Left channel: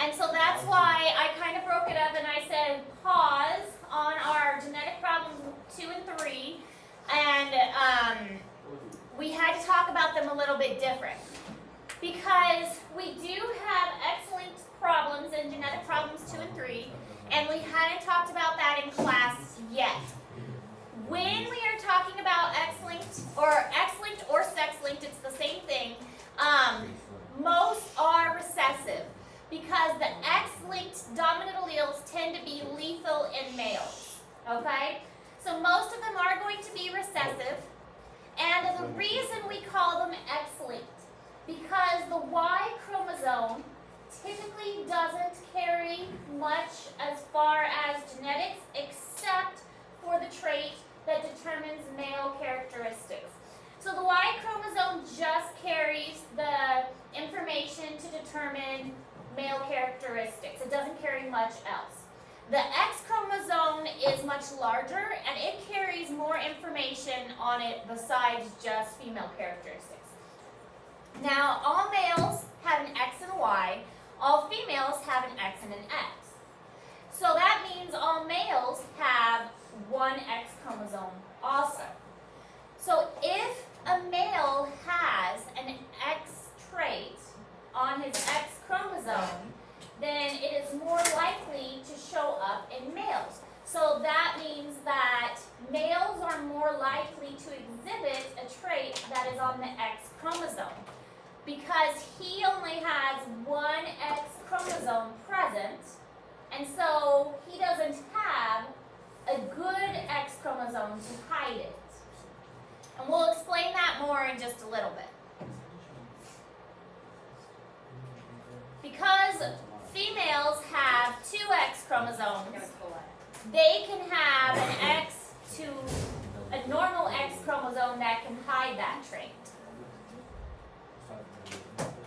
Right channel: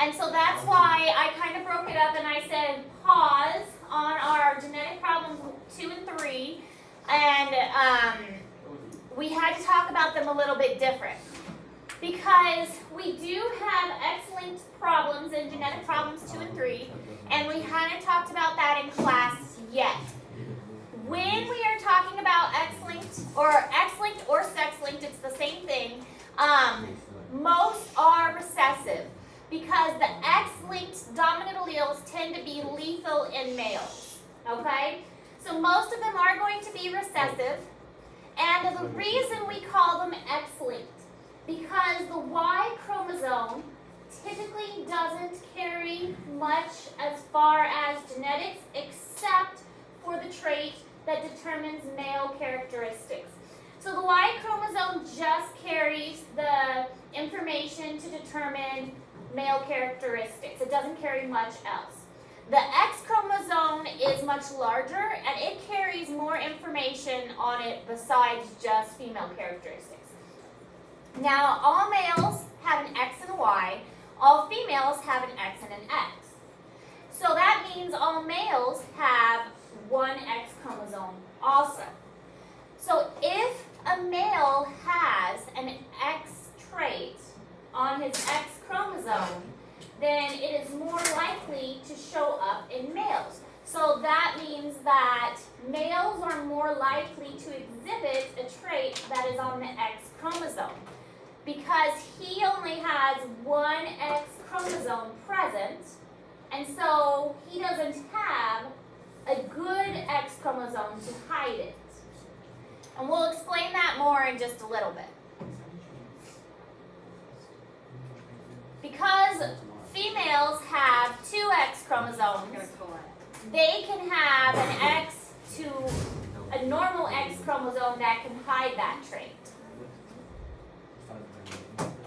And so that's why I kind of broke it up and I said pause on our genetic problems 2 and 3. And we had to talk about them a little bit different. Because we do have X-linked problems in genetic problems 2 and 3. And we hadn't talked about that in class yet. When we are talking about X-linked or sex-linked, it's the same thing. Most are recessive because the X-linked dominant alleles tend to be lethal in males. Okay? So most of them are going to be recessive. And the reason we call them X-linked, because the Y chromosome typically doesn't carry much as far as genetics except for the trait that determines male characteristics. So the Y chromosome just carries the information to determine male characteristics. It doesn't carry much else. The X chromosome is much larger and it carries more information on it besides just female characteristics. Now, all males have an X and a Y. All females have an X and an X. So that means all males have one X chromosome also. So if a male has an X trait on his X chromosome, then it is more likely to show up in males. So that means that males are more likely to exhibit a trait that is on the X chromosome. Because he only has one X chromosome present, and so he doesn't have a good X chromosome to hide it. And we'll explain that more in just a little bit. Because females have two X chromosomes, they can have an X to a normal X chromosome that can hide that trait.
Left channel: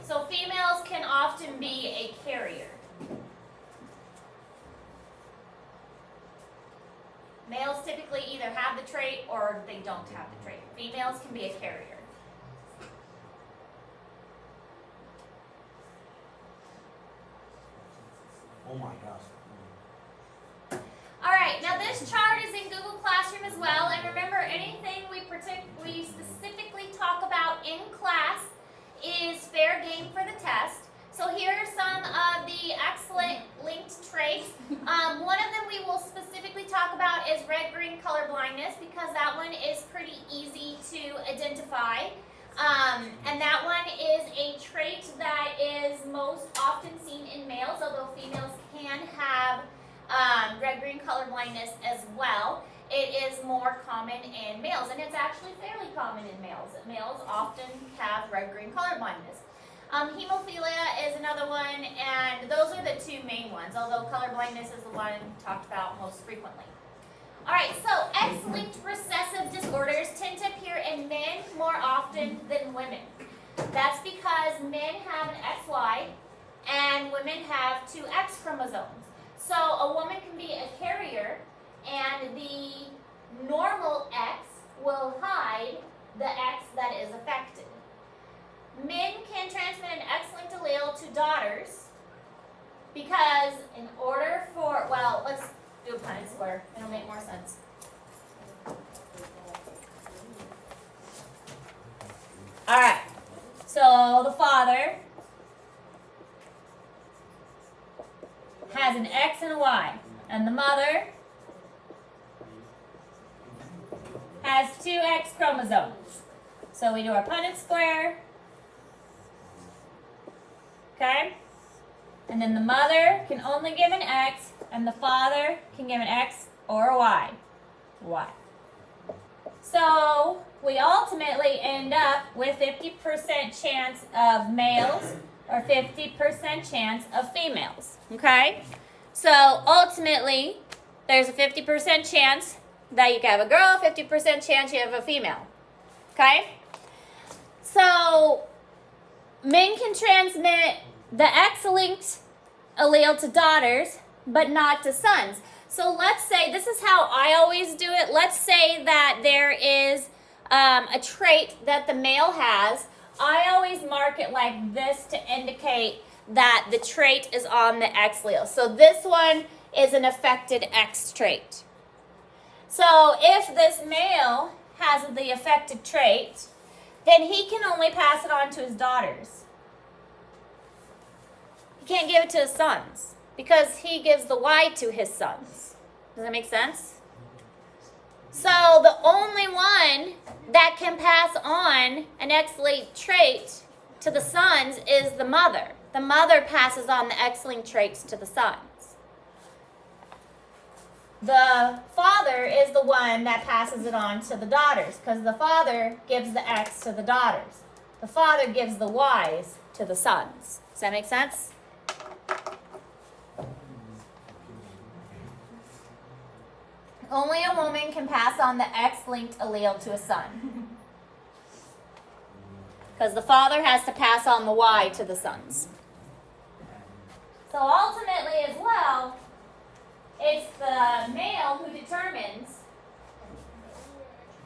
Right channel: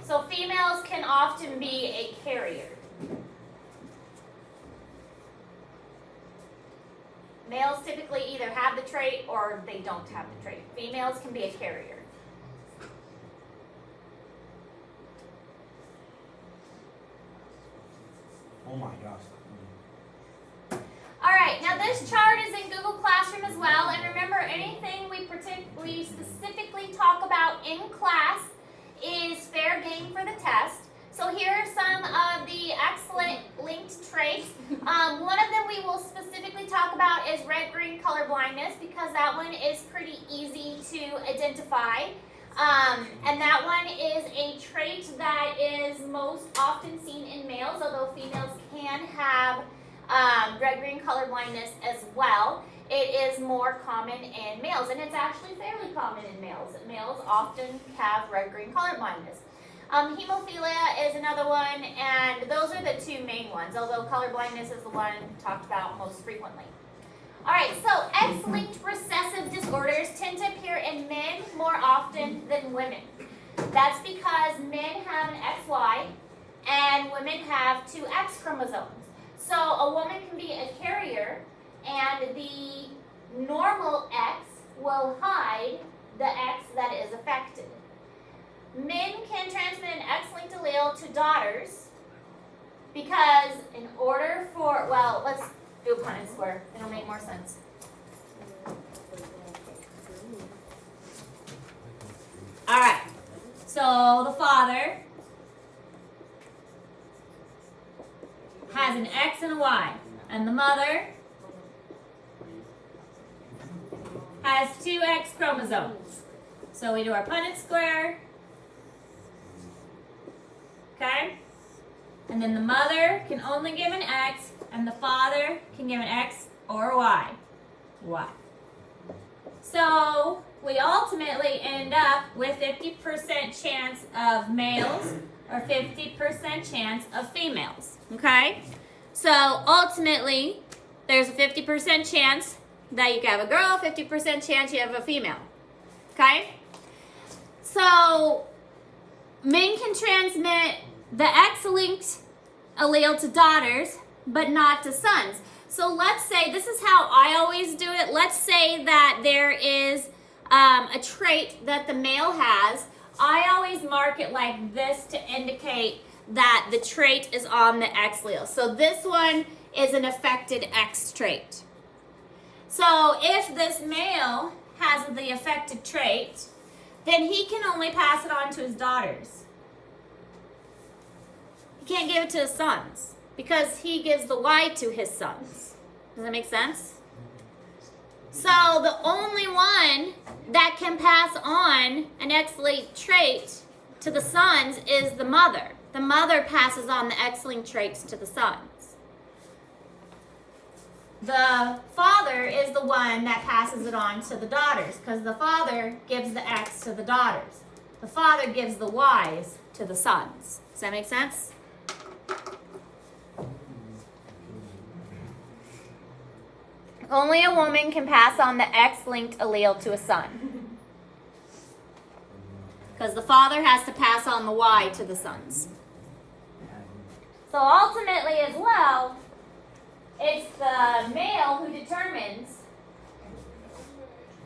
So females can often be a carrier. Males typically either have the trait or they don't have the trait. Females can be a carrier. Oh my gosh. All right, now this chart is in Google Classroom as well. And remember, anything we specifically talk about in class is fair game for the test. So here are some of the X-linked traits. One of them we will specifically talk about is red-green color blindness because that one is pretty easy to identify. And that one is a trait that is most often seen in males, although females can have red-green color blindness as well. It is more common in males, and it's actually fairly common in males. Males often have red-green color blindness. Hemophilia is another one, and those are the two main ones, although color blindness is the one talked about most frequently. All right, so X-linked recessive disorders tend to appear in men more often than women. That's because men have an XY and women have two X chromosomes. So a woman can be a carrier and the normal X will hide the X that is affected. Men can transmit an X-linked allele to daughters because in order for, well, let's do a Punnett square. It'll make more sense. All right. So the father has an X and a Y, and the mother has two X chromosomes. So we do our Punnett square. Okay? And then the mother can only give an X, and the father can give an X or a Y. Y. So we ultimately end up with 50% chance of males or 50% chance of females. Okay? So ultimately, there's a 50% chance that you can have a girl, 50% chance you have a female. Okay? So men can transmit the X-linked allele to daughters, but not to sons. So let's say, this is how I always do it. Let's say that there is a trait that the male has. I always mark it like this to indicate that the trait is on the X allele. So this one is an affected X trait. So if this male has the affected trait, then he can only pass it on to his daughters. He can't give it to his sons because he gives the Y to his sons. Does that make sense? So the only one that can pass on an X-linked trait to the sons is the mother. The mother passes on the X-linked traits to the sons. The father is the one that passes it on to the daughters because the father gives the X to the daughters. The father gives the Y's to the sons. Does that make sense? Only a woman can pass on the X-linked allele to a son. Because the father has to pass on the Y to the sons. So ultimately as well, it's the male who determines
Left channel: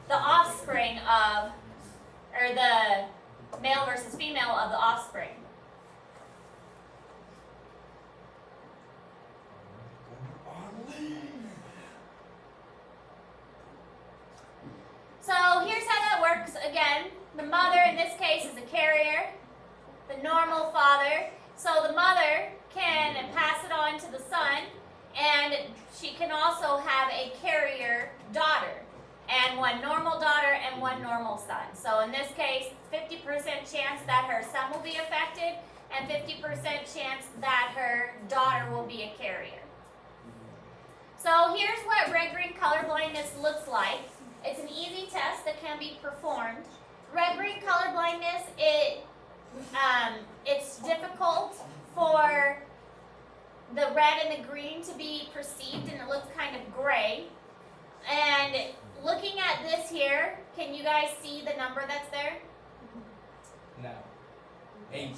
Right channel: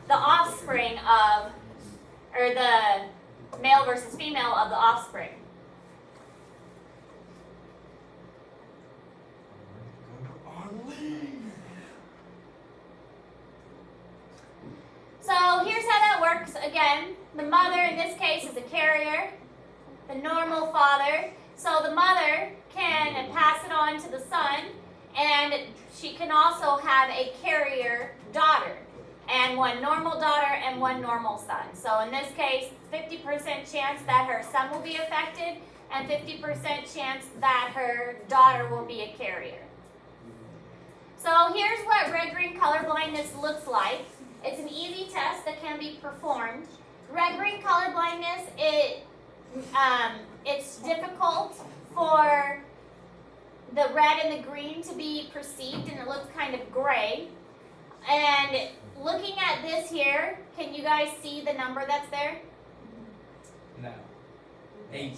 the offspring of, or the male versus female of the offspring. So here's how that works. Again, the mother in this case is a carrier, the normal father. So the mother can pass it on to the son, and she can also have a carrier daughter, and one normal daughter and one normal son. So in this case, 50% chance that her son will be affected, and 50% chance that her daughter will be a carrier. So here's what red-green color blindness looks like. It's an easy test that can be performed. Red-green color blindness, it's difficult for the red and the green to be perceived, and it looks kind of gray. And looking at this here, can you guys see the number that's there? No. 8. Who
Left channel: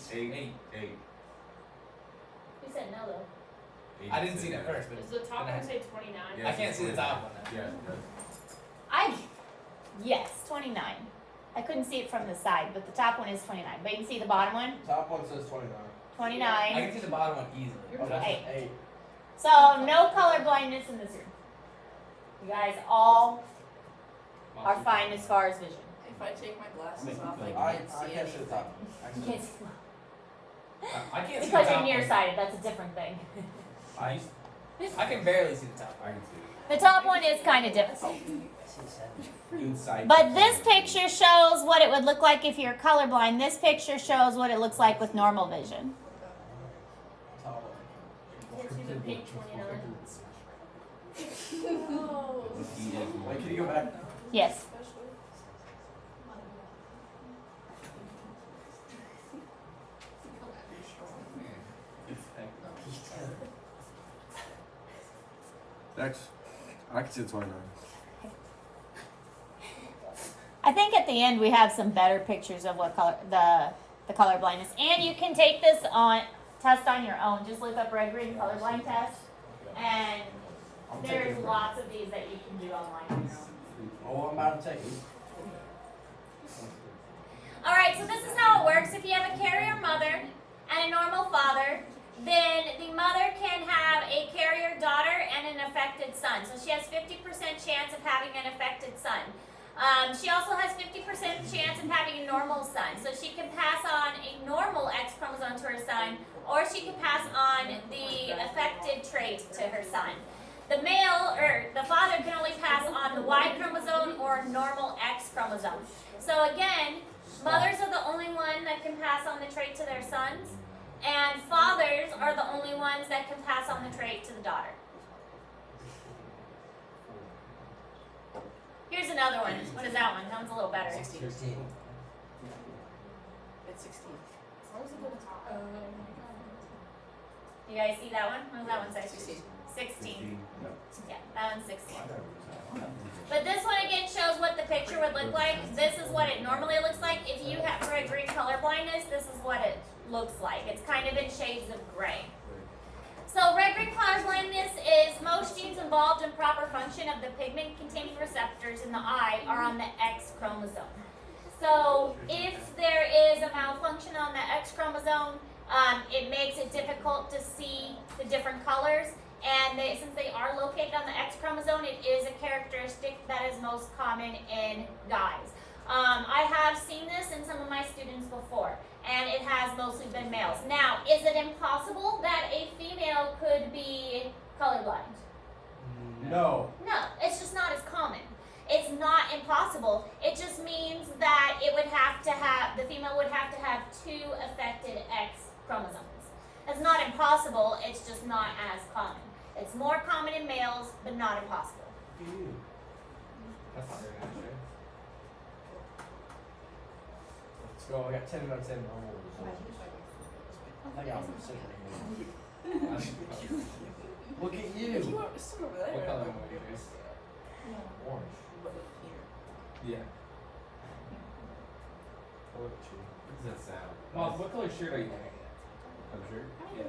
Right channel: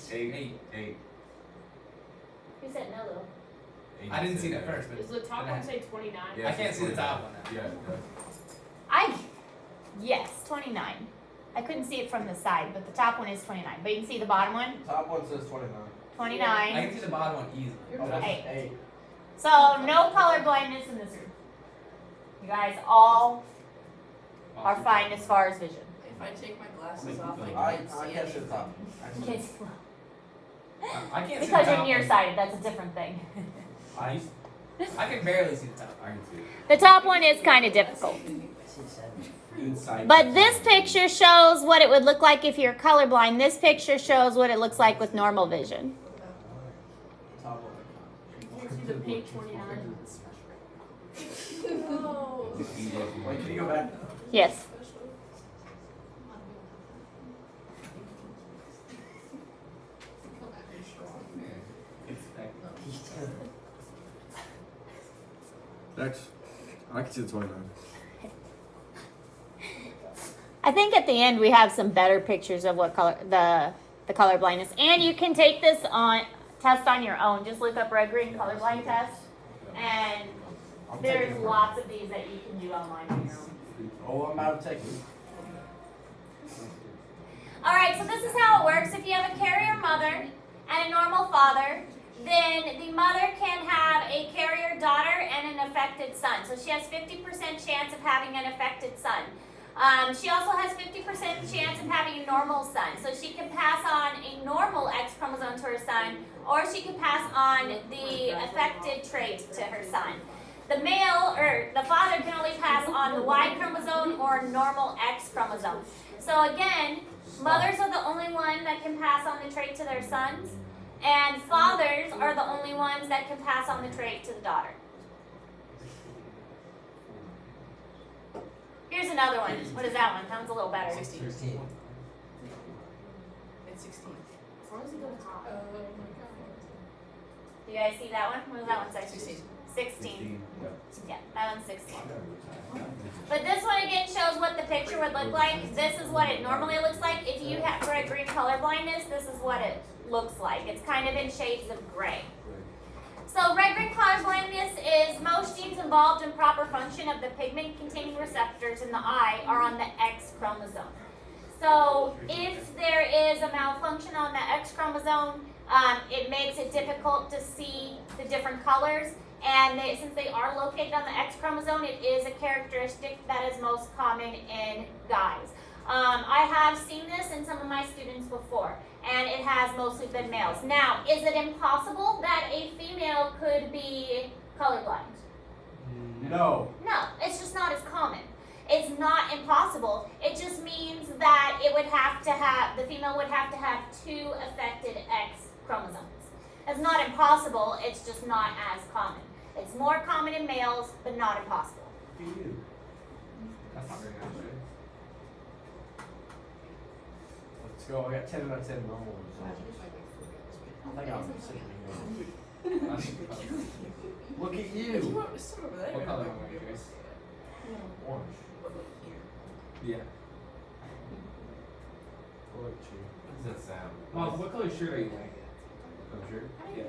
said no though? I didn't see that first, but Does the top one say 29? I can't see the top one. Yes, 29. I couldn't see it from the side, but the top one is 29. But you can see the bottom one? Top one says 29. 29. I can see the bottom one easily. Okay. 8. So no color blindness in this room. You guys all are fine as far as vision. If I take my glasses off, I I can't see can't see the anything. top. You can't see I can't see the because top you're one. nearsighted. That's a different thing. I can barely see the top one. The top one is kind of difficult. Inside. But this picture shows what it would look like if you're colorblind. This picture shows what it looks like with normal vision. Top I can't see the pink 29. Oh. one. Wait, can you go back? Yes. Next, I can see the 29. I think at the end we have some better pictures of what color the color blindness. And you can take this on test on your own. Just look up red green colorblind test, and there's lots of these that you can do online. Oh, I'm about to take it. All right, so this is how it works. If you have a carrier mother and a normal father, then the mother can have a carrier daughter and an affected son. So she has 50% chance of having an affected son. She also has 50% chance of having a normal son. So she can pass on a normal X chromosome to her son, or she can pass on the affected trait to her son. The male, or the father, can only pass on the Y chromosome or normal X chromosome. So again, mothers are the only one that can pass on the trait to their sons, and fathers are the only ones that can pass on the trait to the daughter. Here's another one. What is that one? That one's a little better. 16. It's 16. As long as you go to the top. You guys see that one? What was that one say? 16. 16. Yeah, that one's 16. But this one again shows what the picture would look like. This is what it normally looks like. If you have red-green color blindness, this is what it looks like. It's kind of in shades of gray. So red-green color blindness is most genes involved in proper function of the pigment-containing receptors in the eye are on the X chromosome. So if there is a malfunction on the X chromosome, It makes it difficult to see the different colors. And since they are located on the X chromosome, it is a characteristic that is most common in guys. I have seen this in some of my students before, and it has mostly been males. Now, is it impossible that a female could be colorblind? No. No, it's just not as common. It's not impossible. It just means that it would have to have, the female would have to have 2 affected X chromosomes. It's not impossible, it's just not as common. It's more common in males, but not impossible. Look at you. That's not very nice, right? Let's go. I got 10 out of 10 normal results. I think I'm sitting here. Look at If you you. want some over there. What color are you guys? Orange. Yeah. Look at you. What does that sound? Well, what color shirt are you wearing? Oh, sure. Yeah.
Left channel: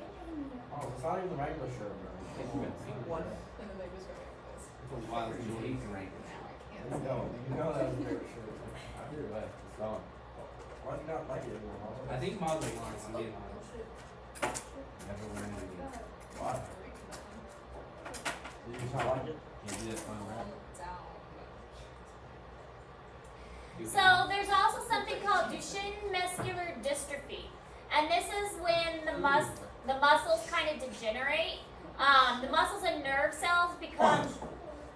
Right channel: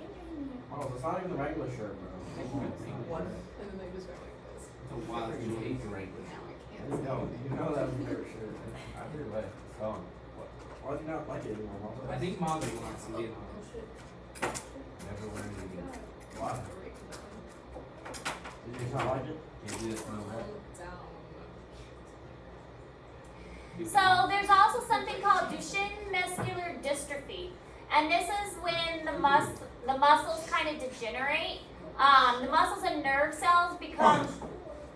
Oh, it's not even the regular shirt, bro. And then they just go like this. It's a wild You green. can rate it. You know that was my favorite shirt. I heard that. It's gone. Why do you not like it anymore, Mom? I think Molly wants to get on. Never learned it again. Why? Did you just not like it? Can't do this on one. So there's also something called Duchenne muscular dystrophy, and this is when the muscles kind of degenerate. The muscles and nerve cells become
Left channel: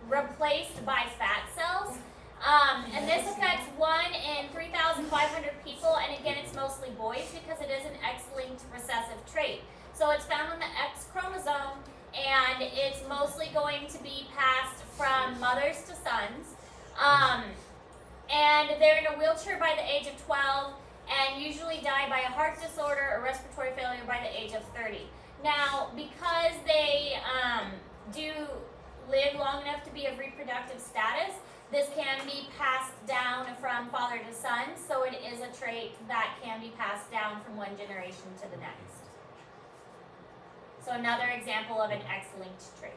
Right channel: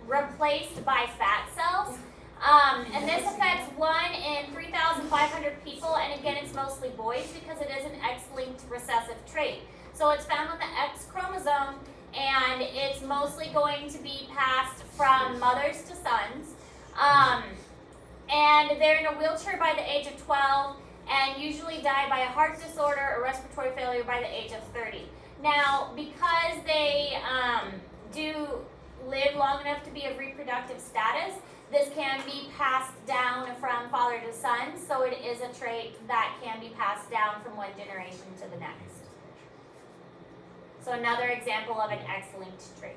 replaced by fat cells, and this affects 1 in 3,500 people. And again, it's mostly boys because it is an X-linked recessive trait. So it's found on the X chromosome, and it's mostly going to be passed from mothers to sons. And they're in a wheelchair by the age of 12 and usually die by a heart disorder or respiratory failure by the age of 30. Now, because they do live long enough to be of reproductive status, this can be passed down from father to son, so it is a trait that can be passed down from one generation to the next. So another example of an X-linked trait.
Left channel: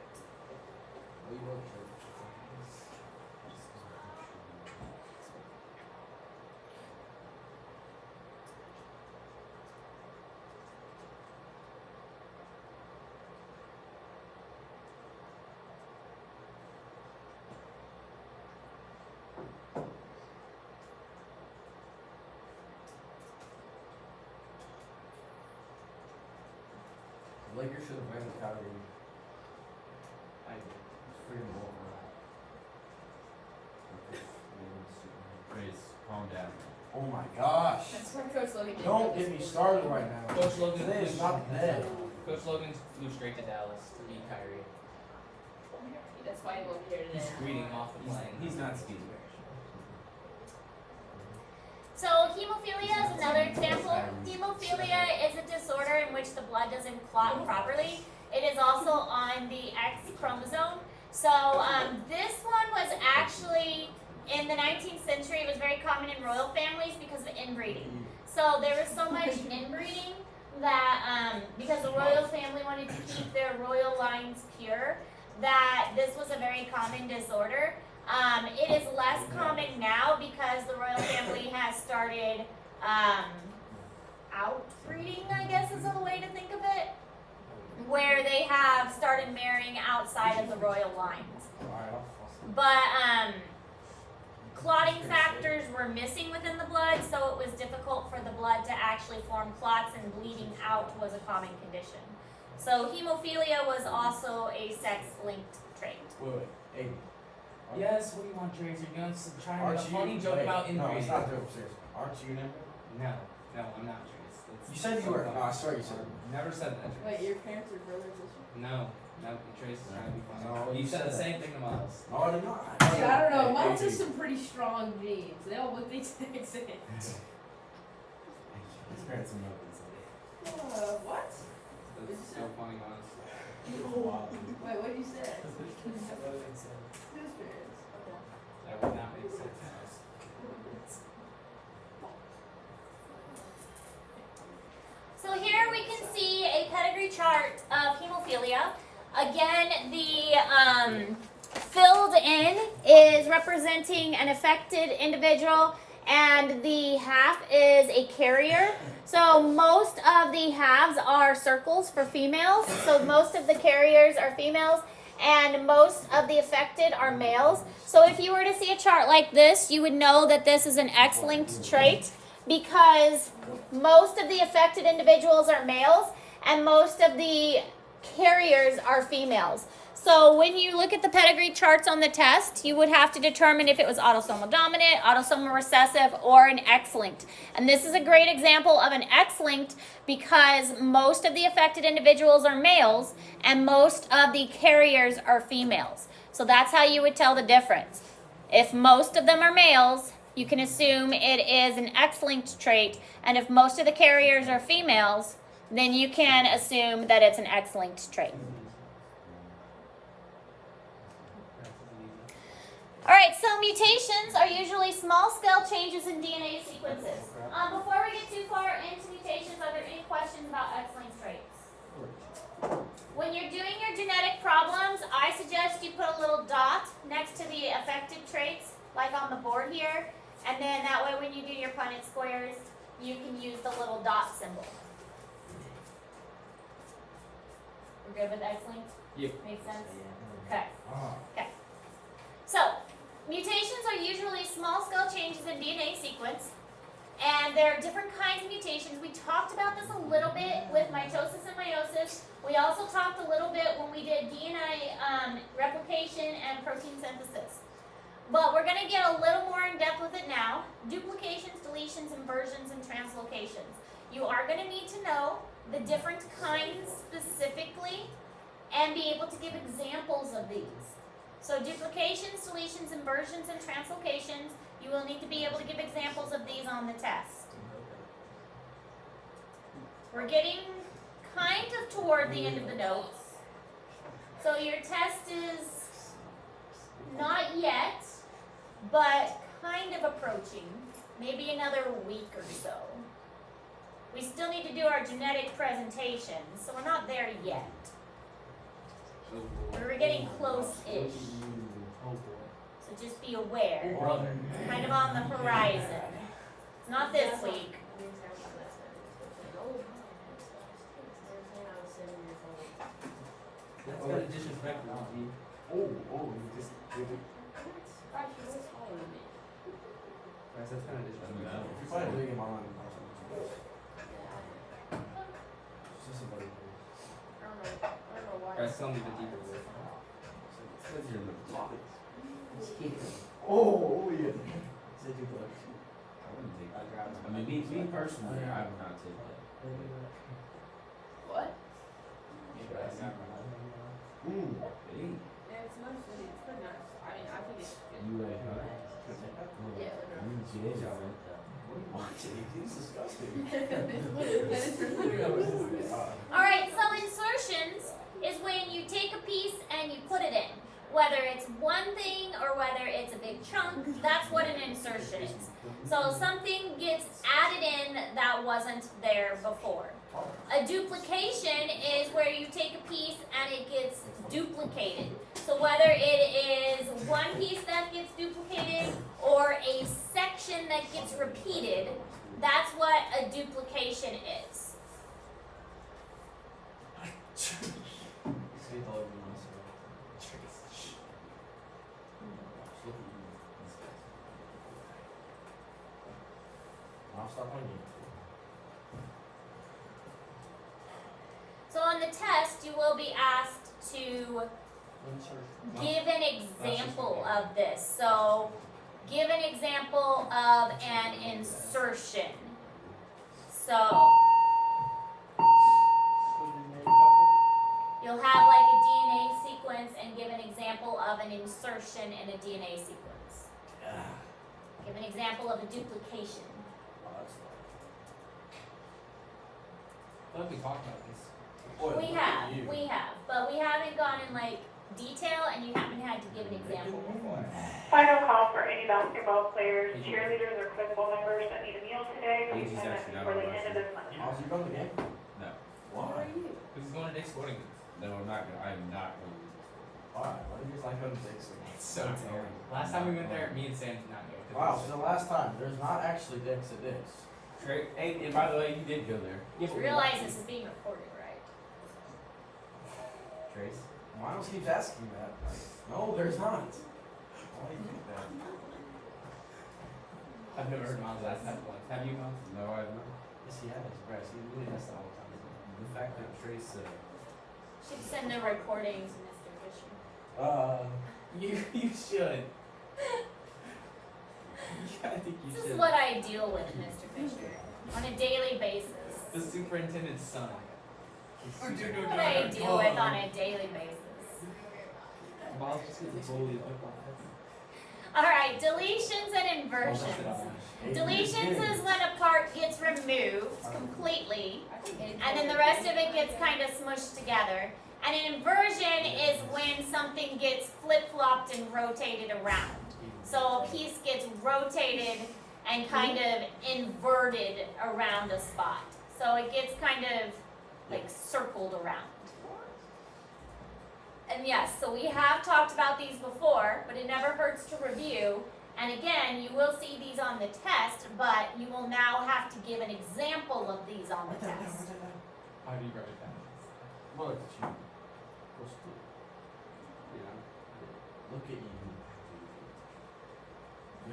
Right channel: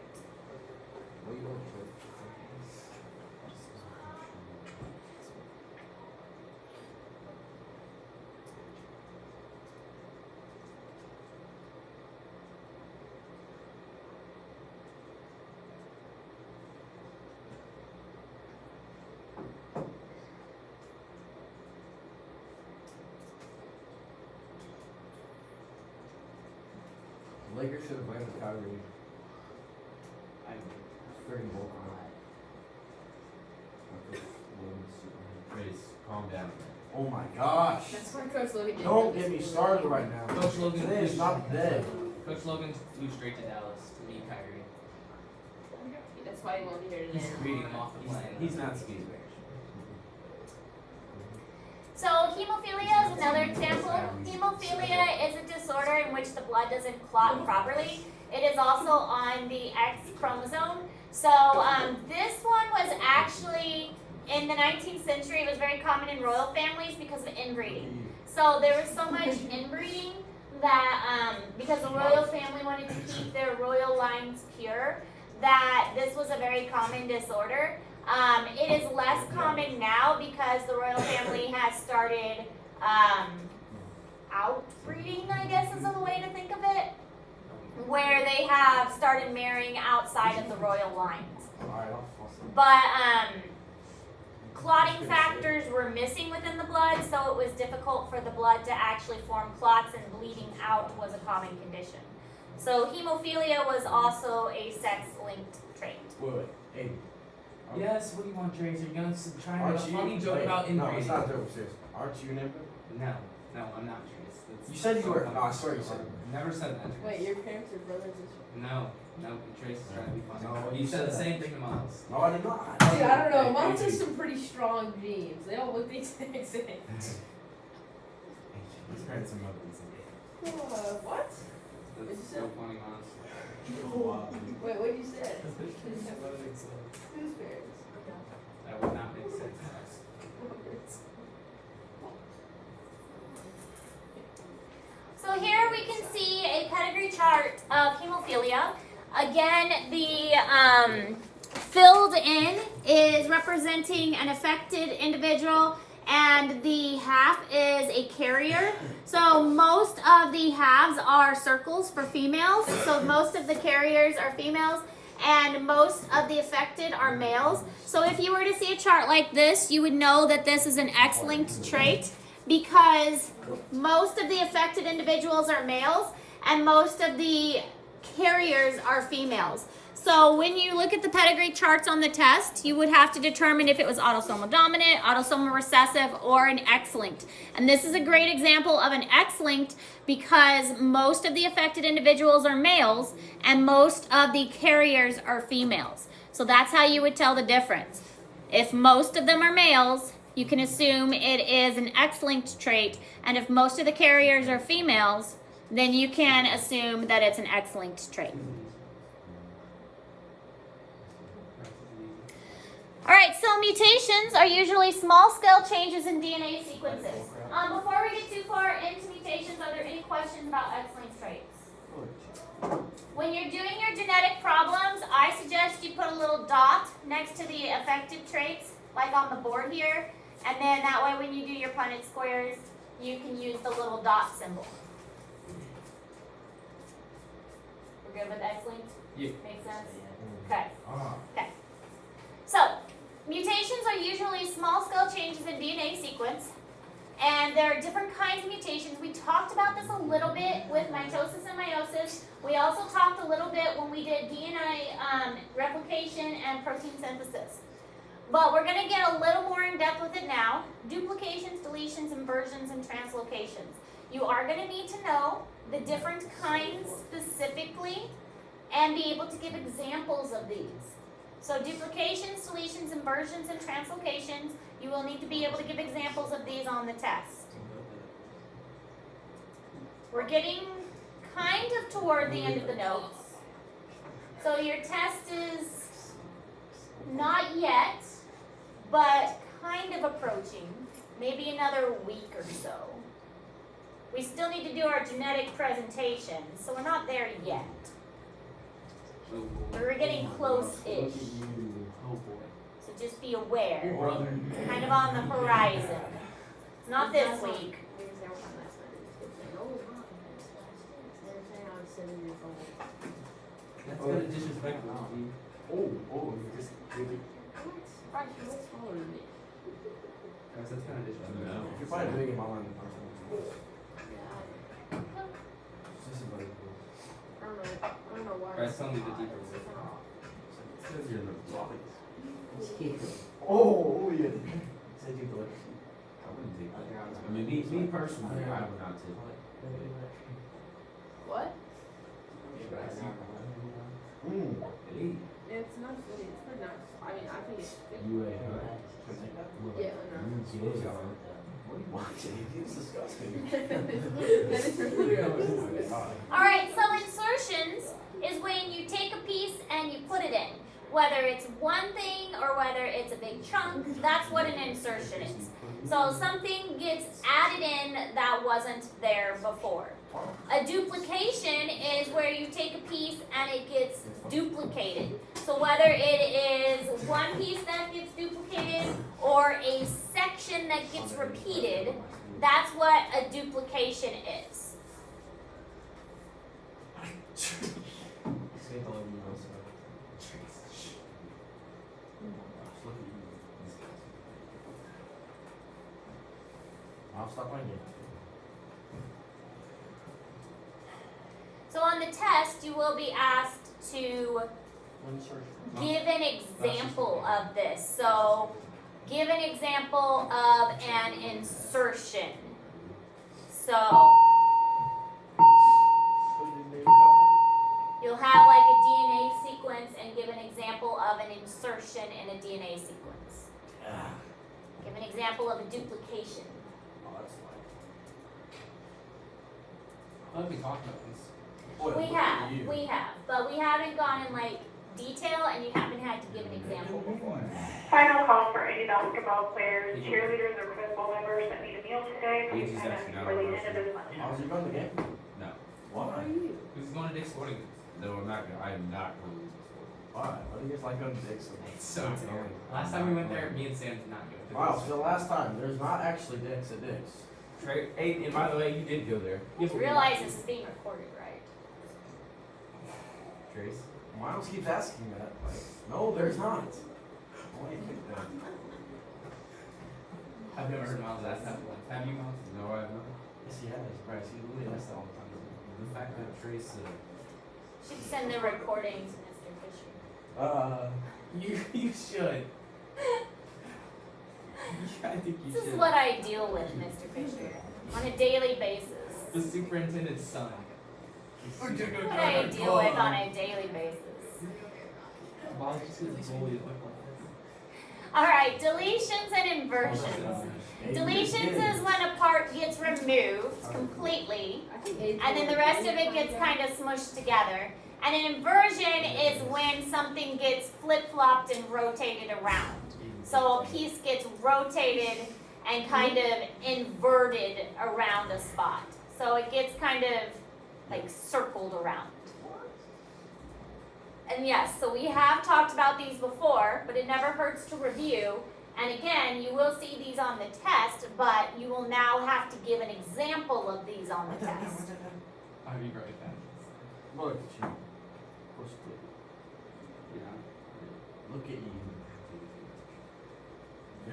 The Lakers should have won the Kyrie. Freaking bull. Grace, calm down. Oh my gosh. That's why Coach Logan did Don't this. get me started right now. Coach Logan Today is not the day. Coach Logan flew straight to Dallas to meet Kyrie. That's why he won't be here today. He's reading off the plane. He's not skiing. So hemophilia is another example. Hemophilia is a disorder in which the blood doesn't clot properly. It is also on the X chromosome. So this one was actually, in the 19th century, it was very common in royal families because of inbreeding. So there was so much inbreeding that, because the royal family wanted to keep their royal lines pure, that this was a very common disorder. It is less common now because the royal family has started outbreeding, I guess is a way to think of it, where they have started marrying outside of the royal lines. But clotting factors were missing within the blood, so it was difficult for the blood to actually form clots, and bleeding out was a common condition. So hemophilia was also a sex-linked trait. Wait, hey. Yes, what do you want, Tracer? You're trying to Aren't make a you? funny joke Wait, about no, inbreeding. it's not a joke, serious. Aren't you an emperor? No, I'm not, Trace. It's You said you were. some No, I swear you said. Never said that, Wait, Trace. your parents are brothers and shit? No, Trace is trying to be funny. No, he you said said the that. same thing to Miles. No, I did not. Dude, I don't know. Hey, Moms hey, have hey. some pretty strong genes. They all look the exact same. His parents are mothers. What? That's so funny, honestly. Wait, what did you say? Whose parents? That would not make sense, Miles. So here we can see a pedigree chart of hemophilia. Again, the filled in is representing an affected individual, and the half is a carrier. So most of the halves are circles for females. So most of the carriers are females, and most of the affected are males. So if you were to see a chart like this, you would know that this is an X-linked trait because most of the affected individuals are males and most of the carriers are females. So when you look at the pedigree charts on the test, you would have to determine if it was autosomal dominant, autosomal recessive, or an X-linked. And this is a great example of an X-linked because most of the affected individuals are males and most of the carriers are females. So that's how you would tell the difference. If most of them are males, you can assume it is an X-linked trait, and if most of the carriers are females, then you can assume that it's an X-linked trait. All right, so mutations are usually small-scale changes in DNA sequences. Before we get too far into mutations, are there any questions about X-linked traits? When you're doing your genetic problems, I suggest you put a little dot next to the affected traits, like on the board here, and then that way when you do your Punnett squares, you can use the little dot symbol. We're good with X-linked? Yep. Makes sense? Okay. Okay. So, mutations are usually small-scale changes in DNA sequence, and there are different kinds of mutations. We talked about this a little bit with mitosis and meiosis. We also talked a little bit when we did DNA replication and protein synthesis. But we're going to get a little more in depth with it now. Duplications, deletions, inversions, and translocations. You are going to need to know the different kinds specifically and be able to give examples of these. So duplications, deletions, inversions, and translocations, you will need to be able to give examples of these on the test. We're getting kind of toward the end of the notes. So your test is not yet, but kind of approaching. Maybe another week or so. We still need to do our genetic presentation, so we're not there yet. We're getting close-ish. So just be aware. Brother. Kind of on the horizon. Not this week. That's kind of disrespectful. Just That's kind of disrespectful. you're probably doing him on Guys, tell me the deeper voice. Because you're the Oh, yeah. Said you thought. I wouldn't take that. I mean, me personally, I would not take that. What? Hey, Yeah, it's nice. It's pretty nice. I mean, I think it's good. you ain't huh? Yeah. You get it, huh? What are you watching? He's disgusting. All right, so insertions is when you take a piece and you put it in. Whether it's one thing or whether it's a big chunk, that's what an insertion is. So something gets added in that wasn't there before. A duplication is where you take a piece and it gets duplicated. So whether it is one piece that gets duplicated or a section that gets repeated, that's what a duplication is. Mom, stop on you. So on the test, you will be asked to give an example of this. So give an example of an insertion. So you'll have like a DNA sequence and give an example of an insertion in a DNA sequence. Give an example of a duplication. I thought we talked about this. We have, but we haven't gone in like detail and you haven't had to give an example before. Final call for any basketball players, cheerleaders, or football members that need a meal today. Please He's sign up actually not before the on end of the this month. How's your brother again? No. Why? Because he's going to Dick's Sporting Goods. No, I'm not. I am not going. Why? Why do you guys like going to Dixon? It's so terrible. Last time we went there, me and Sam did not go. Wow, so the last time, there's not actually Dix at Dix. Right. Hey, and by the way, you did go there. You realize this is being recorded, right? Trace. Miles keeps asking that. Like, no, there's not. Why do you keep that? I've never heard Miles ask that once. Have you, Miles? No, I haven't. Yes, he has. Bryce, he really asks that all the time. The fact that Trace. Should send the recording to Mr. Fisher. You should. I think you This should. is what I deal with, Mr. Fisher, on a daily basis. The superintendent's son. What I deal with on a daily basis. Miles just gets a goalie at football. Alright, deletions and inversions. Deletions is when a part gets removed completely, and then the rest of it gets kind of smushed together. And an inversion is when something gets flip-flopped and rotated around. So a piece gets rotated and kind of inverted around a spot. So it gets kind of like circled around. And yes, so we have talked about these before, but it never hurts to review. And again, you will see these on the test, but you will now have to give an example of these on the test. I'll be right back. Look at you. What's good? Yeah. Look at you. Yo,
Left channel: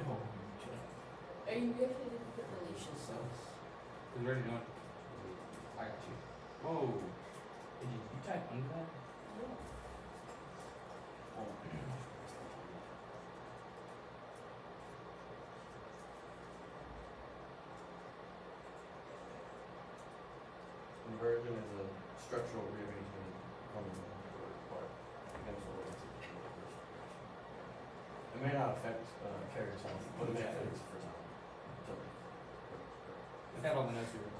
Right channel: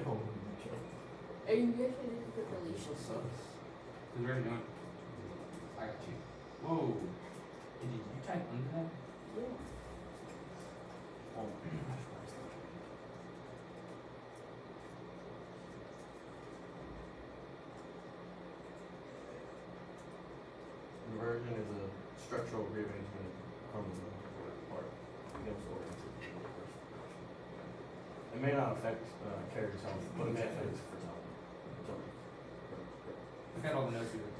Are you good at the deletion? Because we're doing. I got you. Whoa. Did you type under that? Inversion is a structural rearrangement of the part against the orientation. It may not affect character health, but it may affect fertility. Look at all the notes we were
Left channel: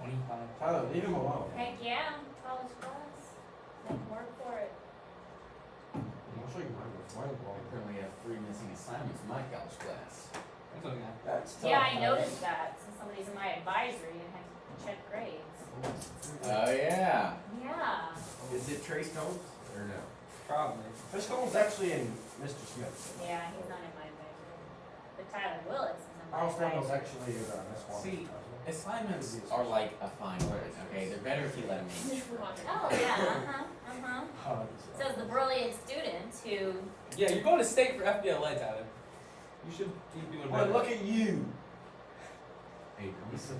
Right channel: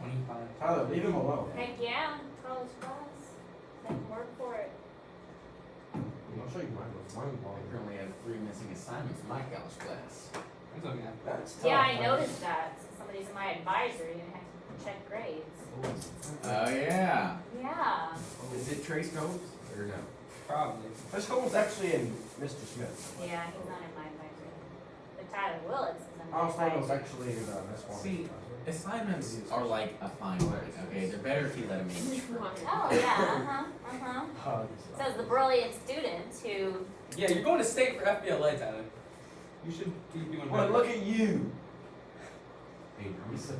25. Tyler, leave him alone. Heck yeah, college class. Work for it. I'll show you mine. Mine I currently have 3 missing assignments in my college class. It's okay. That's tough. Yeah, I noticed that. So somebody's in my advisory and I have to check grades. Oh yeah. Yeah. Is it Trace Notes or no? Probably. This one's actually in Mr. Smith. Yeah, he's not in my advisory. But Tyler Willis is in my I was thinking it was advisory. actually Miss Walker. See, assignments are like a fine wine. Okay, they're better if you let them age. Oh, yeah, Hugs. Says the brilliant student who, Yeah, you're going to state for FBLA, Tyler. You should be doing Well, better. look at you. Hey, I'm so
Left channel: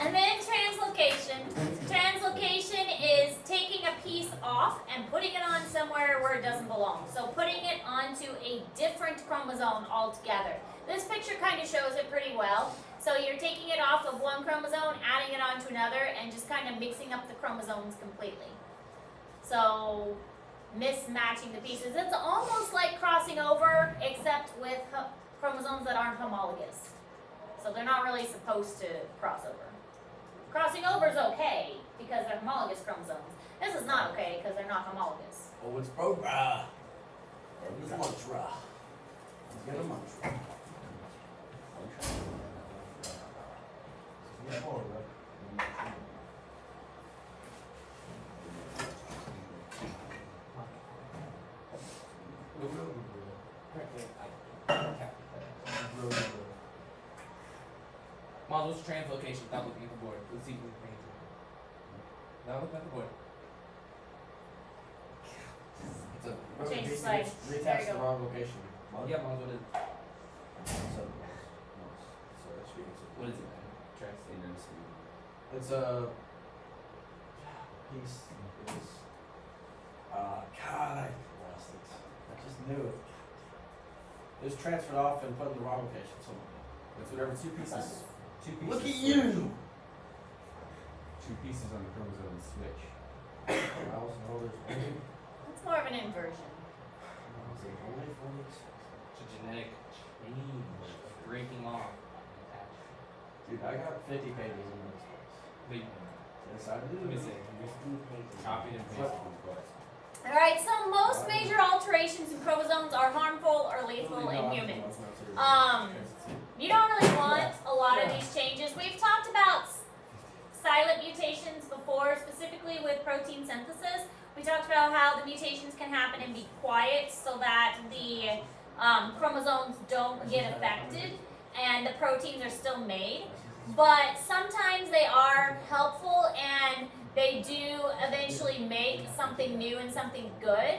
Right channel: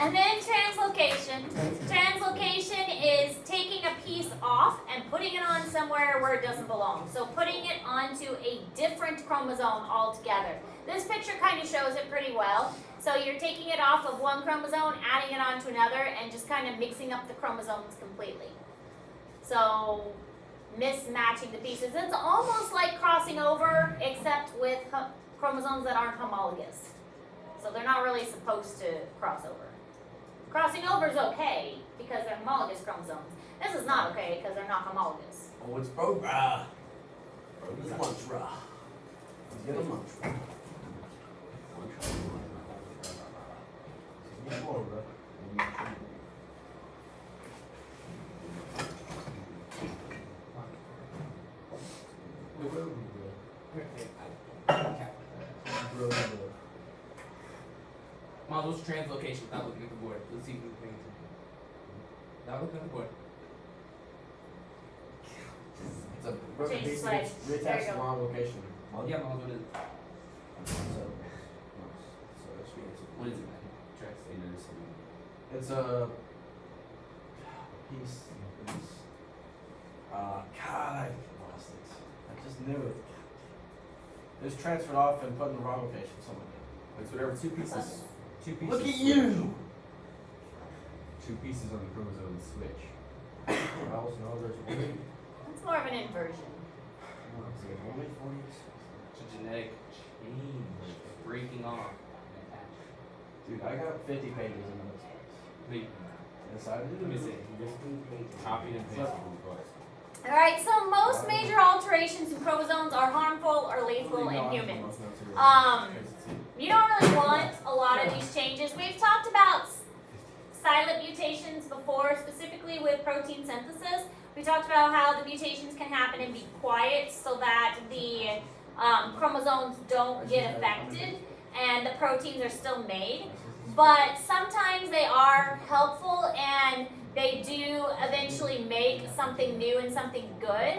and then translocation. Translocation is taking a piece off and putting it on somewhere where it doesn't belong. So putting it onto a different chromosome altogether. This picture kind of shows it pretty well. So you're taking it off of one chromosome, adding it onto another, and just kind of mixing up the chromosomes completely. So mismatching the pieces. It's almost like crossing over, except with chromosomes that aren't homologous. So they're not really supposed to cross over. Crossing over is okay because they're homologous chromosomes. This is not okay because they're not homologous. Oh, it's Bro-Ra. He's a mantra. He's got a mantra. He's a mantra. Mom, those translocations without looking at the board. Let's see if we can answer. Without looking at the board. It's a Change the basically slides. reattach There you the go. wrong location. Yeah, Mom, what is it? What is it, man? Trax. It's a piece. God, I lost it. I just knew it. It was transferred off and put in the wrong location. Somewhere. It's whatever 2 pieces. 2 pieces. Look at you. 2 pieces on the chromosome switch. Well, no, there's only, It's more of an inversion. there's only 40. It's a genetic change. Breaking off. Dude, I got 50 pages in this. Wait, Yes, I let me do. see. Copied and pasted. Alright, so most major alterations in chromosomes are harmful or lethal in humans. You don't really want a lot of these changes. We've talked about silent mutations before, specifically specifically with protein synthesis. We talked about how the mutations can happen and be quiet so that the chromosomes don't get affected and the proteins are still made. But sometimes they are helpful and they do eventually make something new and something good.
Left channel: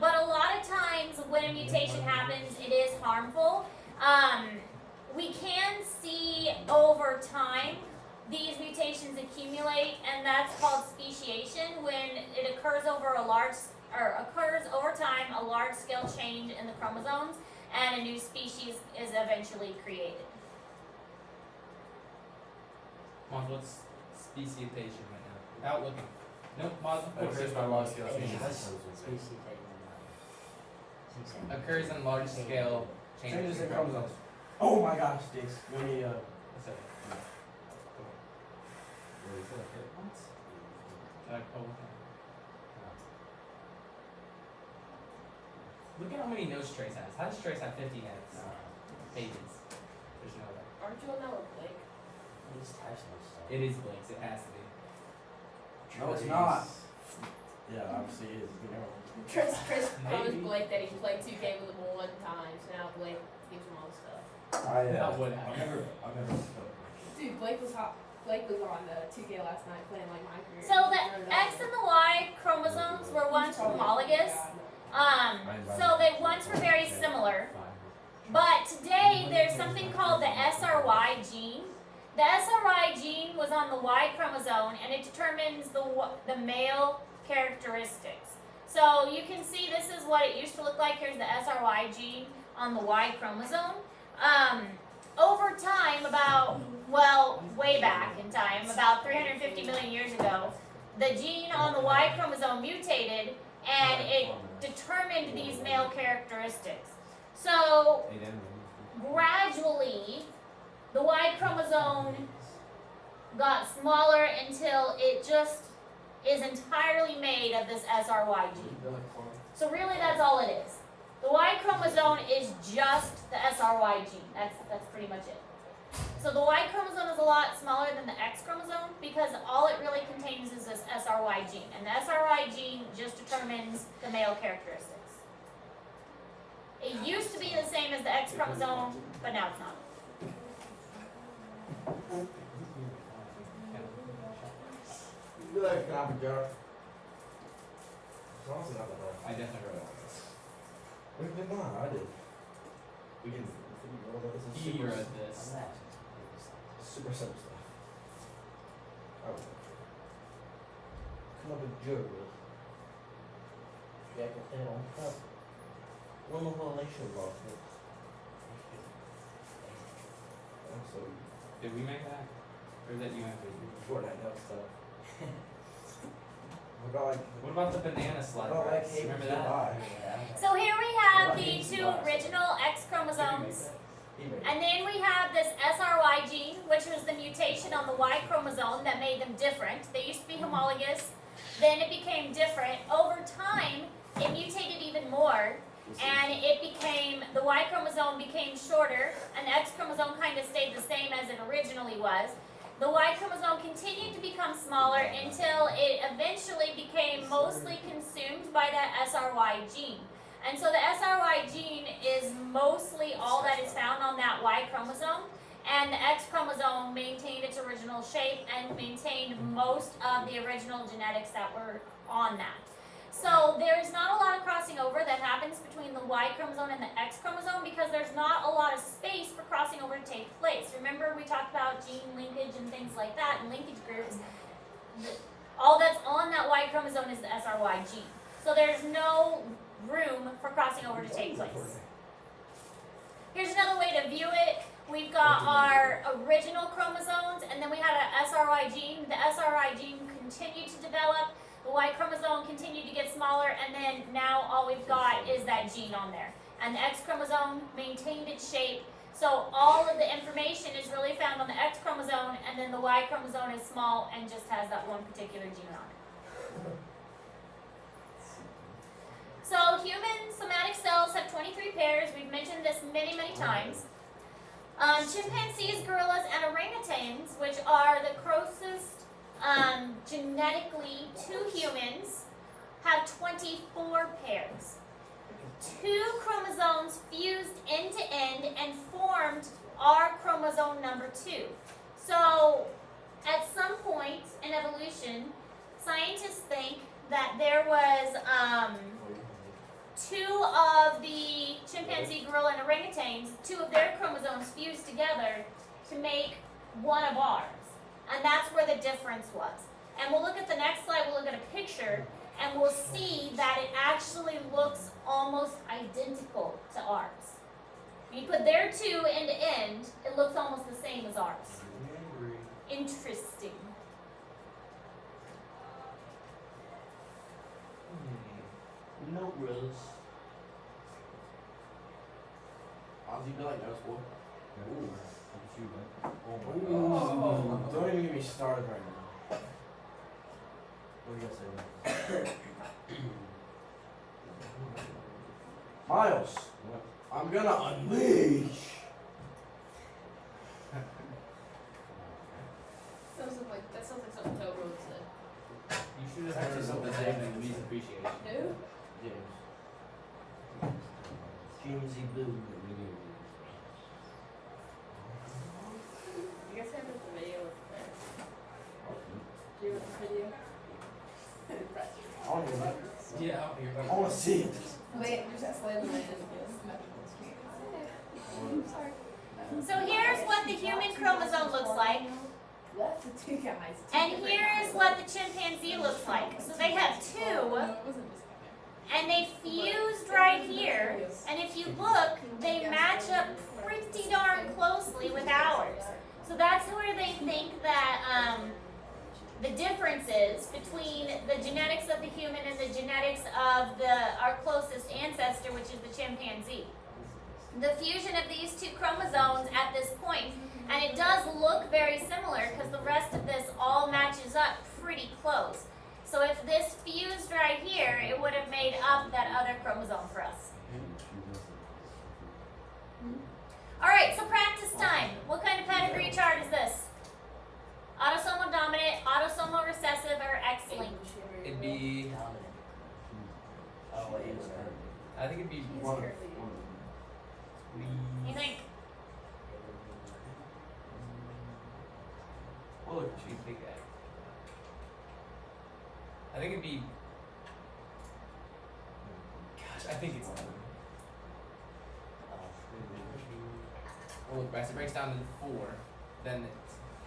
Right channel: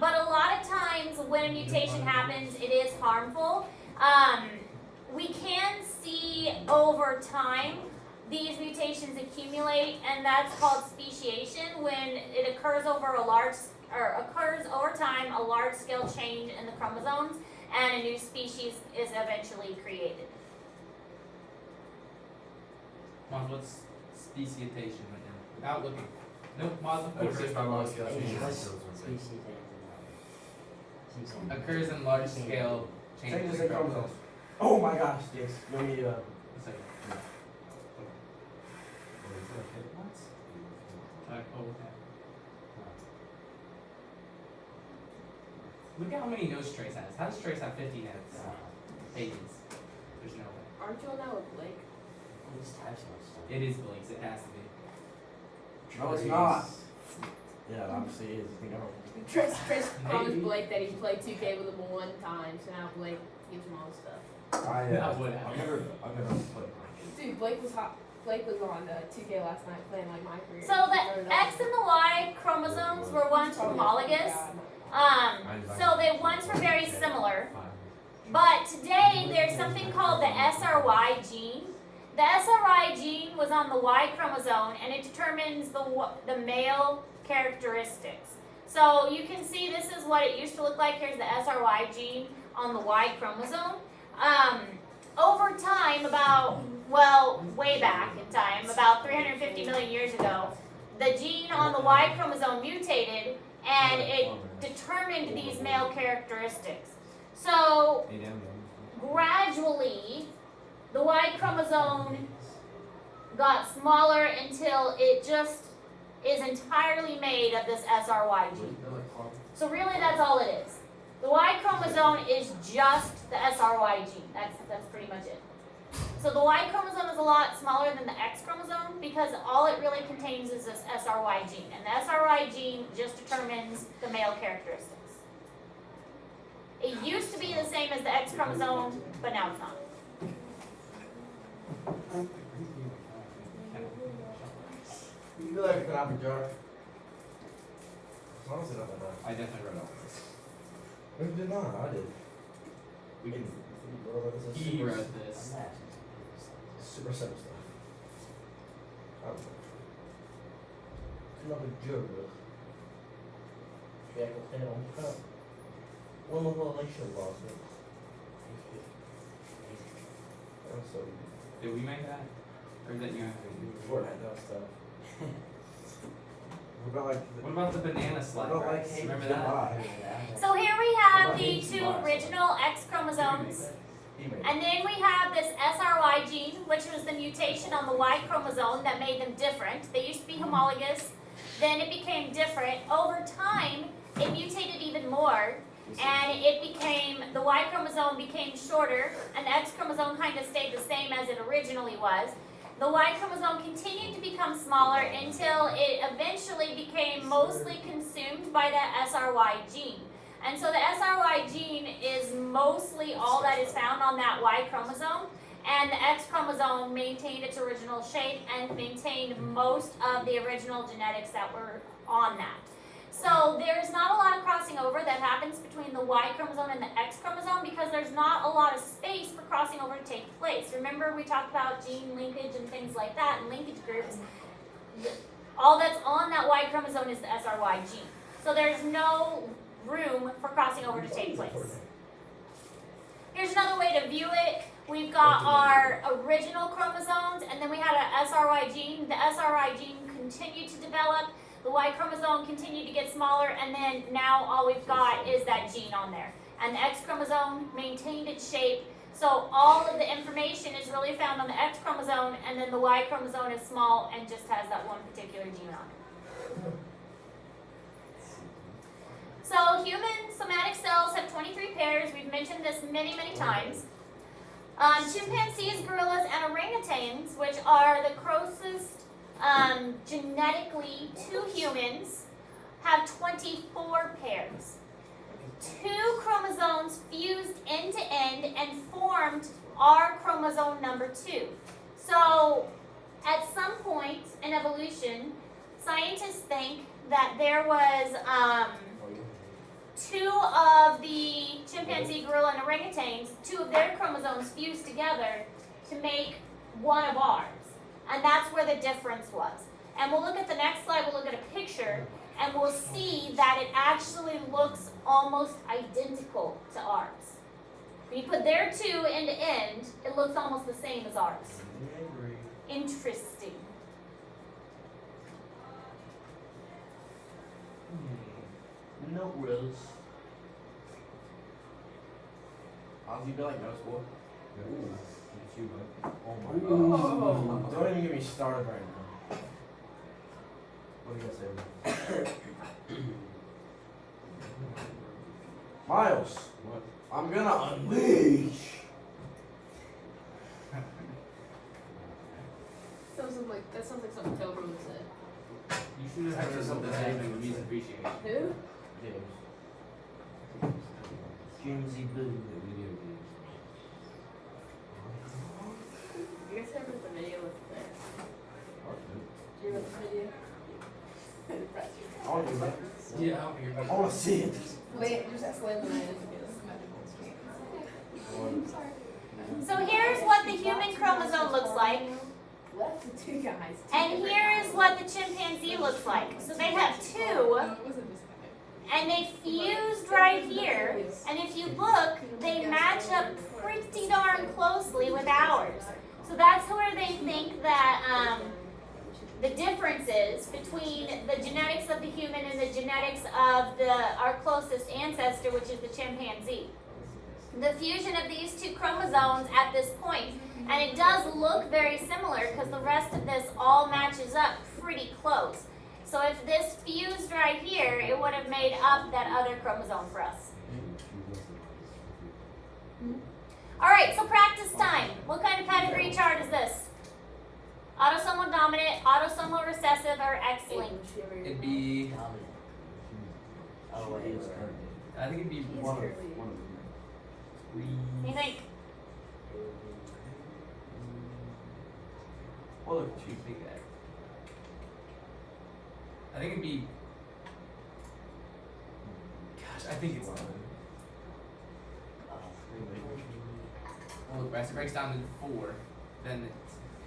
But a lot of times when a mutation happens, it is harmful. We can see over time these mutations accumulate, and that's called speciation, when it occurs over time a large scale change in the chromosomes and a new species is eventually created. Mom, what's speciation right now? Without looking. Nope, Mom, of course. Occurs by large scale change. Occurs in large scale changes. Changes in chromosomes. Oh my gosh, yes. Let me A second. Like, oh, okay. Look at how many notes Trace has. How does Trace have 50 notes? Pages. There's no way. Aren't you on that with Blake? It is Blake's. It has to be. No, it's not. Yeah, it obviously is. You know. Chris promised Maybe. Blake that he'd play 2K with him one time, so now Blake gives him all the stuff. That would happen. I've never played. Dude, Blake was on 2K last night playing like my career. So the X and the Y chromosomes were once homologous. So they once were very similar. But today there's something called the SRY gene. The SRY gene was on the Y chromosome and it determines the male characteristics. So you can see this is what it used to look like. Here's the SRY gene on the Y chromosome. Over time, way back in time, about 350 million years ago, the gene on the Y chromosome mutated and it determined these male characteristics. So gradually, the Y chromosome got smaller until it just is entirely made of this SRY gene. So really that's all it is. The Y chromosome is just the SRY gene. That's pretty much it. So the Y chromosome is a lot smaller than the X chromosome because all it really contains is this SRY gene. And the SRY gene just determines the male characteristics. It used to be the same as the X chromosome, but now it's not. You feel like can I have a jar? It's honestly not that I definitely wrote all of this. bad. We did not. I did. We can. He wrote this. Super simple stuff. I don't know. Come up with jug with. Also, Did we make that? Or is that you? before that, that stuff. What about like? What about the banana slide? What about like rice? Hey Remember that? July? So here we have the two original X chromosomes. And then we have this SRY gene, which was the mutation on the Y chromosome that made them different. They used to be homologous, then it became different. Over time, it mutated even more, and the Y chromosome became shorter, and the X chromosome kind of stayed the same as it originally was. The Y chromosome continued to become smaller until it eventually became mostly consumed by that SRY gene. And so the SRY gene is mostly all that is found on that Y chromosome, and the X chromosome maintained its original shape and maintained most of the original genetics that were on that. So there's not a lot of crossing over that happens between the Y chromosome and the X chromosome because there's not a lot of space for crossing over to take place. Remember we talked about gene linkage and things like that and linkage groups. All that's on that Y chromosome is the SRY gene. So there's no room for crossing over to take place. Here's another way to view it. We've got our original chromosomes and then we had an SRY gene. The SRY gene continued to develop. The Y chromosome continued to get smaller, and then now all we've got is that gene on there. And the X chromosome maintained its shape, so all of the information is really found on the X chromosome, and then the Y chromosome is small and just has that one particular gene on it. So human somatic cells have 23 pairs. We've mentioned this many, many times. Chimpanzees, gorillas, and orangutans, which are the closest genetically, 2 humans have 24 pairs. 2 chromosomes fused end to end and formed our chromosome number 2. So, at some point in evolution, scientists think that there was 2 of the chimpanzee, gorilla, and orangutans, 2 of their chromosomes fused together to make one of ours. And that's where the difference was. And we'll look at the next slide, we'll look at a picture, and we'll see that it actually looks almost identical to ours. When you put their 2 end to end, it looks almost the same as ours. Interesting. No rules. Ozzy, you feel like no school? Ooh, look at you, bud. Oh my Ooh, don't even get me started right now. What do you guys say? Miles, What? I'm gonna unleash. That sounds like something Totoro would say. You should have had something that even needs appreciation. Who? James. Jamesy Blue. You guys heard the video of the Do you want the video? I want to Yeah, out here. I want to see it. Wait, just ask Landon what it is So here's what the human chromosome looks like, What? The 2 guys. and here's what the chimpanzee looks like. So they have 2, and they fused right here, and if you look, they match up pretty darn closely with ours. So that's where they think that the difference is between the genetics of the human and the genetics of our closest ancestor, which is the chimpanzee. The fusion of these 2 chromosomes at this point, and it does look very similar because the rest of this all matches up pretty close. So if this fused right here, it would have made up that other chromosome for us. All right, so practice time. What kind of pedigree chart is this? Autosomal dominant, autosomal recessive, or X-linked? It'd be. Oh, it is currently. I think it'd be One of You think? Well, look, Should we take that? I think it'd be. Gosh, I think it's. Well, it breaks down to 4. Then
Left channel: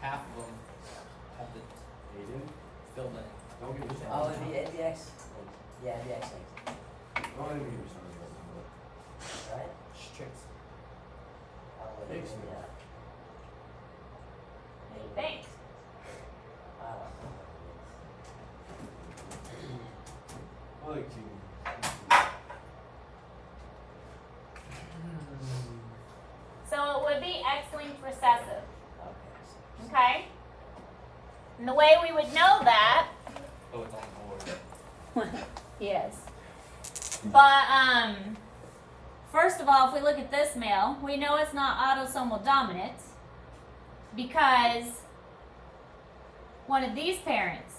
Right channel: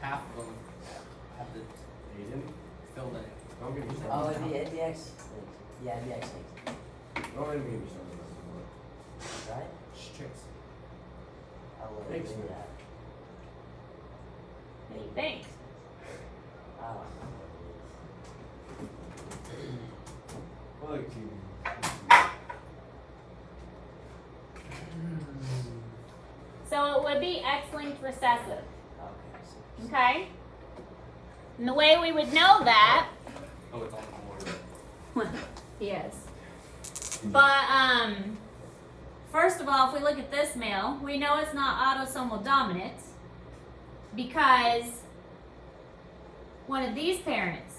half of them have the Aiden, filled in. don't get me started. Oh, it'd be X. Yeah, it'd be X Don't even get me started. right? Chicks. I would. X. Yeah. What do you think? I don't know. Look, you. So it would be X-linked recessive. Okay. Okay? And the way we would know that, Oh, it's on more. yes. But first of all, if we look at this male, we know it's not autosomal dominant because one of these parents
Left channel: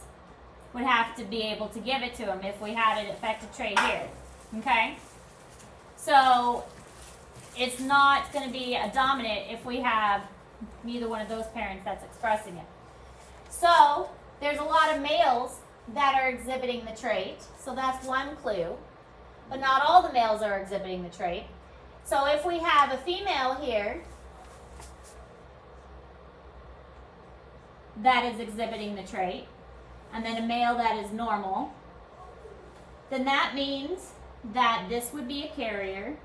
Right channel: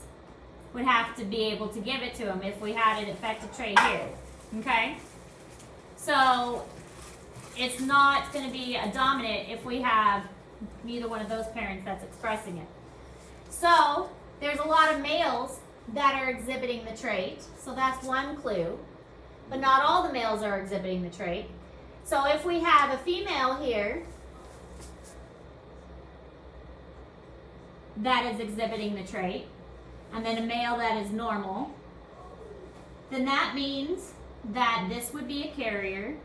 would have to be able to give it to him if we had a defective trait here. Okay? So it's not going to be a dominant if we have neither one of those parents that's expressing it. So there's a lot of males that are exhibiting the trait, so that's one clue. But not all the males are exhibiting the trait. So if we have a female here that is exhibiting the trait, and then a male that is normal, then that means that this would be a carrier.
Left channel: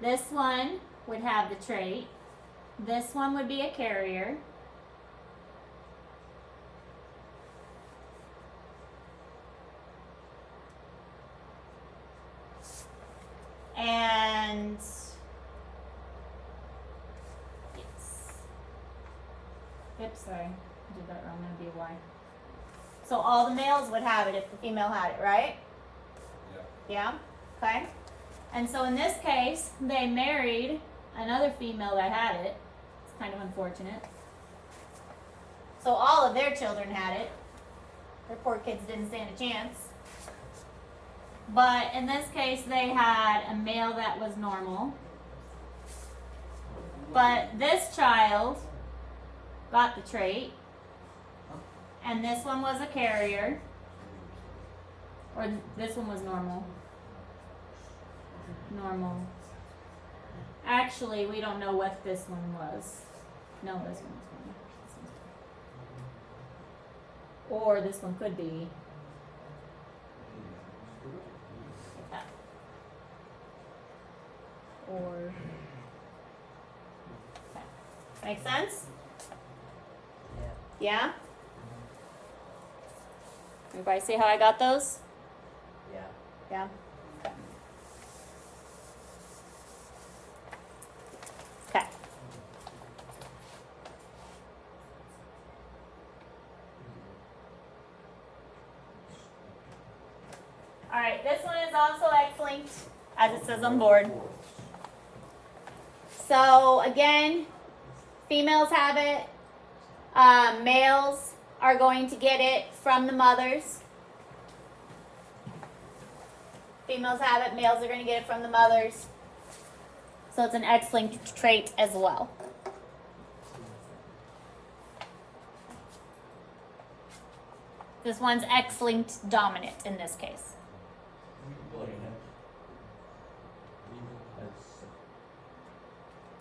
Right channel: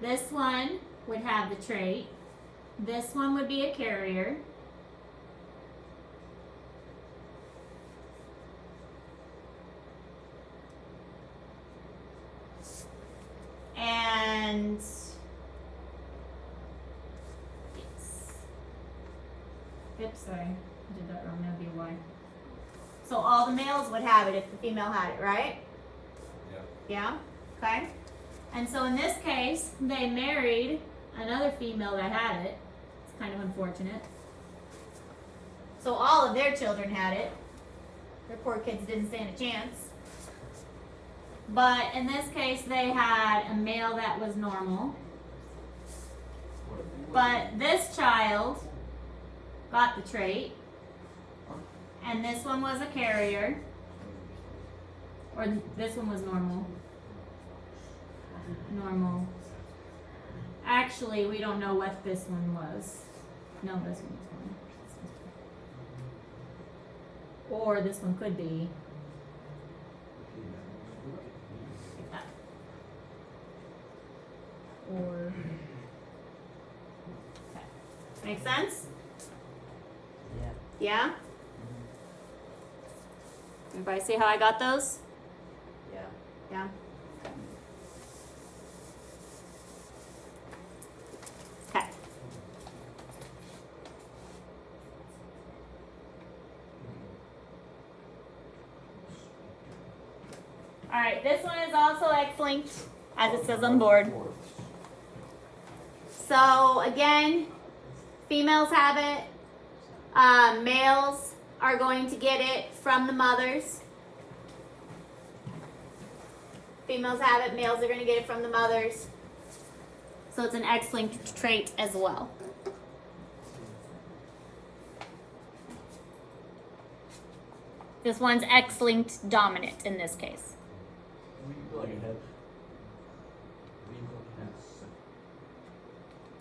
This one would have the trait. This one would be a carrier. And oops, sorry, I did that wrong. That'd be a Y. So all the males would have it if the female had it, right? Yeah. Okay. And so in this case, they married another female that had it. It's kind of unfortunate. So all of their children had it. Their poor kids didn't stand a chance. But in this case, they had a male that was normal. But this child got the trait. And this one was a carrier. Or this one was normal. Normal. Actually, we don't know what this one was. No, this one was normal. Or this one could be. Or. Make sense? Yeah. Yeah? Everybody see how I got those? Yeah. Yeah. Okay. All right, this one is also X-linked, as it says on the board. So again, females have it. Males are going to get it from the mothers. Females have it, males are going to get it from the mothers. So it's an X-linked trait as well. This one's X-linked dominant in this case.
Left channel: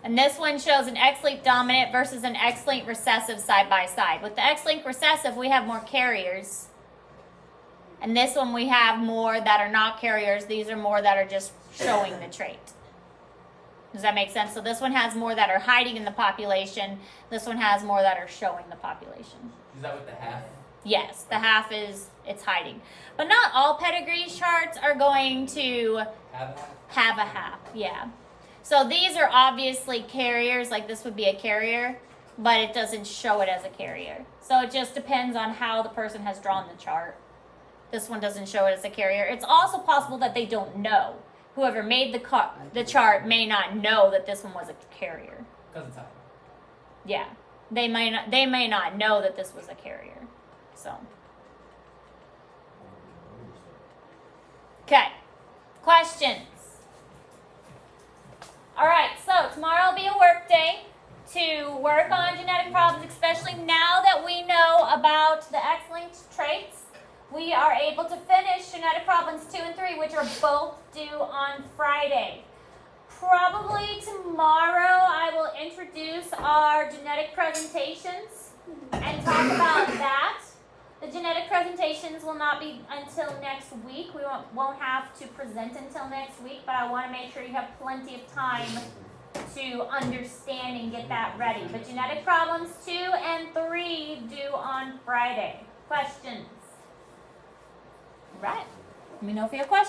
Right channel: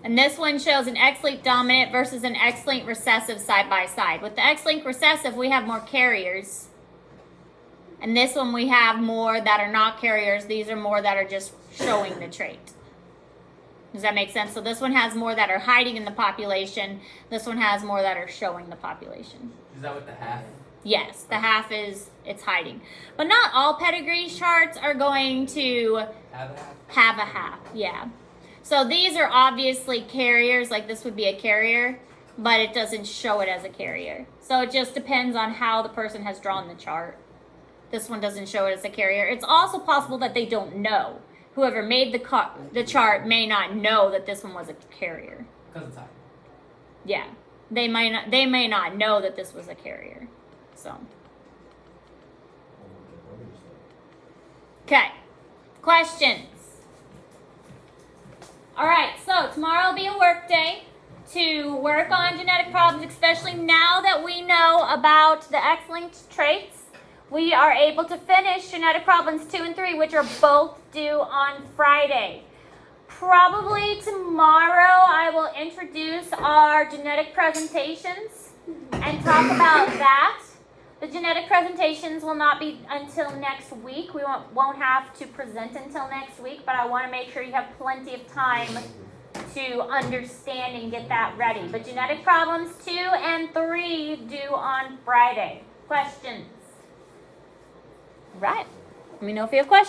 And this one shows an X-linked dominant versus an X-linked recessive side by side. With the X-linked recessive, we have more carriers. And this one we have more that are not carriers. These are more that are just showing the trait. Does that make sense? So this one has more that are hiding in the population. This one has more that are showing the population. Is that what the half? Yes, the half is, it's hiding. But not all pedigree charts are going to have a half, yeah. So these are obviously carriers, like this would be a carrier, but it doesn't show it as a carrier. So it just depends on how the person has drawn the chart. This one doesn't show it as a carrier. It's also possible that they don't know. Whoever made the chart may not know that this one was a carrier. Because it's high. Yeah, they may not know that this was a carrier. So, okay, questions? All right, so tomorrow will be a work day to work on genetic problems, especially now that we know about the X-linked traits. We are able to finish genetic problems 2 and 3, which are both due on Friday. Probably tomorrow I will introduce our genetic presentations and talk about that. The genetic presentations will not be until next week. We won't have to present until next week, but I want to make sure you have plenty of time to understand and get that ready. But genetic problems 2 and 3 due on Friday. Questions? Right. Let me know if you have questions.